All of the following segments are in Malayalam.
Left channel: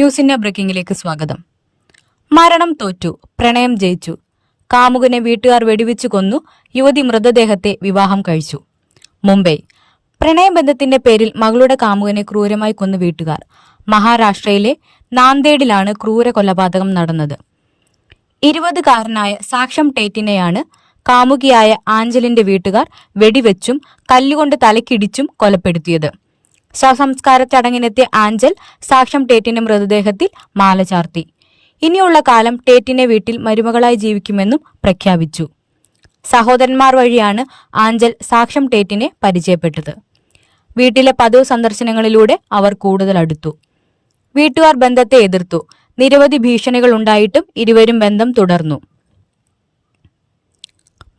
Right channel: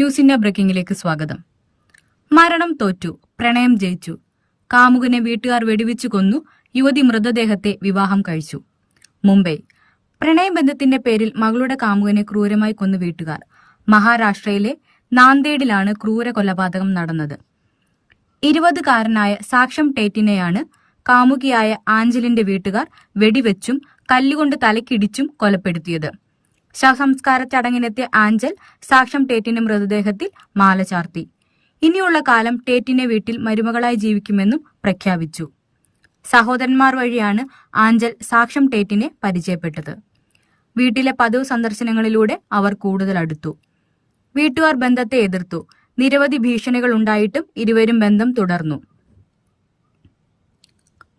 ന്യൂസ് ഇന്ത്യ ബ്രേക്കിംഗിലേക്ക് സ്വാഗതം. മരണം തോറ്റു, പ്രണയം ജയിച്ചു. കാമുകനെ വീട്ടുകാർ വെടിവെച്ചു കൊന്നു, യുവതി മൃതദേഹത്തെ വിവാഹം കഴിച്ചു. മുംബൈ. പ്രണയബന്ധത്തിന്റെ പേരിൽ മകളുടെ കാമുകനെ ക്രൂരമായി കൊന്നു വീട്ടുകാർ. മഹാരാഷ്ട്രയിലെ നാന്ദേഡിലാണ് ക്രൂര കൊലപാതകം നടന്നത്. 20-കാരനായ സാക്ഷം ടേറ്റിനെയാണ് കാമുകിയായ ആഞ്ചലിന്റെ വീട്ടുകാർ വെടിവെച്ചും കല്ലുകൊണ്ട് തലക്കിടിച്ചും കൊലപ്പെടുത്തിയത്. ശവസംസ്കാര ചടങ്ങിനെത്തിയ ആഞ്ചൽ സാക്ഷം ടേറ്റിന്റെ മൃതദേഹത്തിൽ മാല ചാർത്തി. ഇനിയുള്ള കാലം ടേറ്റിനെ വീട്ടിൽ മരുമകളായി ജീവിക്കുമെന്നും പ്രഖ്യാപിച്ചു. സഹോദരന്മാർ വഴിയാണ് ആഞ്ചൽ സാക്ഷം ടേറ്റിനെ പരിചയപ്പെട്ടത്. വീട്ടിലെ പതിവ് സന്ദർശനങ്ങളിലൂടെ അവർ കൂടുതൽ അടുത്തു. വീട്ടുകാർ ബന്ധത്തെ എതിർത്തു. നിരവധി ഭീഷണികൾ ഉണ്ടായിട്ടും ഇരുവരും ബന്ധം തുടർന്നു.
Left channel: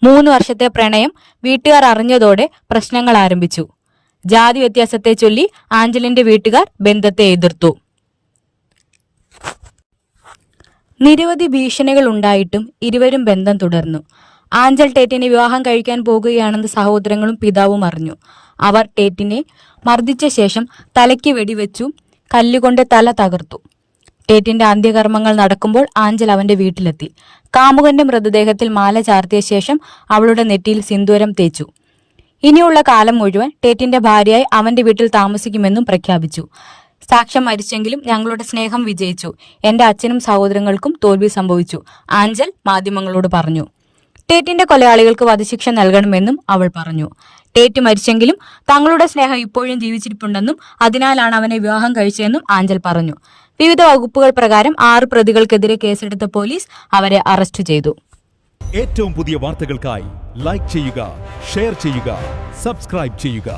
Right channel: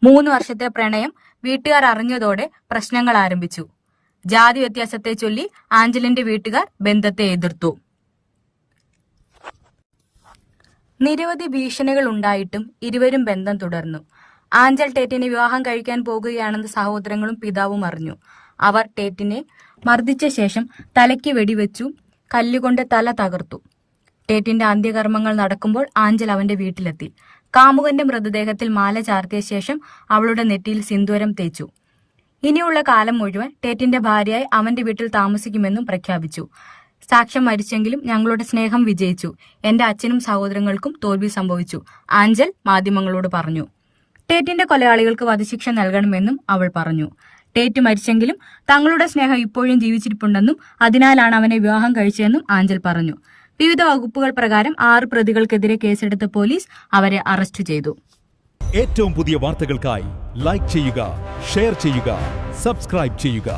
3 വർഷത്തെ പ്രണയം വീട്ടുകാർ അറിഞ്ഞതോടെ പ്രശ്നങ്ങൾ ആരംഭിച്ചു. ജാതി വ്യത്യാസത്തെ ചൊല്ലി ആഞ്ചലിന്റെ വീട്ടുകാർ ബന്ധത്തെ എതിർത്തു. നിരവധി ഭീഷണികൾ ഉണ്ടായിട്ടും ഇരുവരും ബന്ധം തുടർന്നു. ആഞ്ചൽ ടേറ്റിനെ വിവാഹം കഴിക്കാൻ പോകുകയാണെന്ന് സഹോദരങ്ങളും പിതാവും അറിഞ്ഞു. അവർ ടേറ്റിനെ മർദ്ദിച്ച ശേഷം തലയ്ക്ക് വെടിവെച്ചു കല്ലുകൊണ്ട് തല തകർത്തു. ടേറ്റിന്റെ അന്ത്യകർമ്മങ്ങൾ നടക്കുമ്പോൾ ആഞ്ചൽ അവന്റെ വീട്ടിലെത്തി. കാമുകന്റെ മൃതദേഹത്തിൽ മാല ചാർത്തിയ ശേഷം അവളുടെ നെറ്റിയിൽ സിന്ദൂരം തേച്ചു. ഇനിയുള്ള കാലം മുഴുവൻ ടേറ്റിന്റെ ഭാര്യയായി അവന്റെ വീട്ടിൽ താമസിക്കുമെന്നും പ്രഖ്യാപിച്ചു. സാക്ഷ്യം മരിച്ചെങ്കിലും ഞങ്ങളുടെ സ്നേഹം വിജയിച്ചു. എന്റെ അച്ഛനും സഹോദരങ്ങൾക്കും തോൽവി സംഭവിച്ചു, ആഞ്ചൽ മാധ്യമങ്ങളോട് പറഞ്ഞു. ടേറ്റിന്റെ കൊലയാളികൾക്ക് വധശിക്ഷ നൽകണമെന്നും അവൾ പറഞ്ഞു. ടേറ്റ് മരിച്ചെങ്കിലും തങ്ങളുടെ സ്നേഹം ഇപ്പോഴും ജീവിച്ചിരിപ്പുണ്ടെന്നും അതിനാലാണ് അവനെ വിവാഹം കഴിച്ചതെന്നും ആഞ്ചൽ പറഞ്ഞു. വിവിധ വകുപ്പുകൾ പ്രകാരം 6 പ്രതികൾക്കെതിരെ കേസെടുത്ത പോലീസ് അവരെ അറസ്റ്റ് ചെയ്തു. ഏറ്റവും പുതിയ വാർത്തകൾക്കായി ലൈക്ക് ചെയ്യുക, ഷെയർ ചെയ്യുക, സബ്സ്ക്രൈബ് ചെയ്യുക.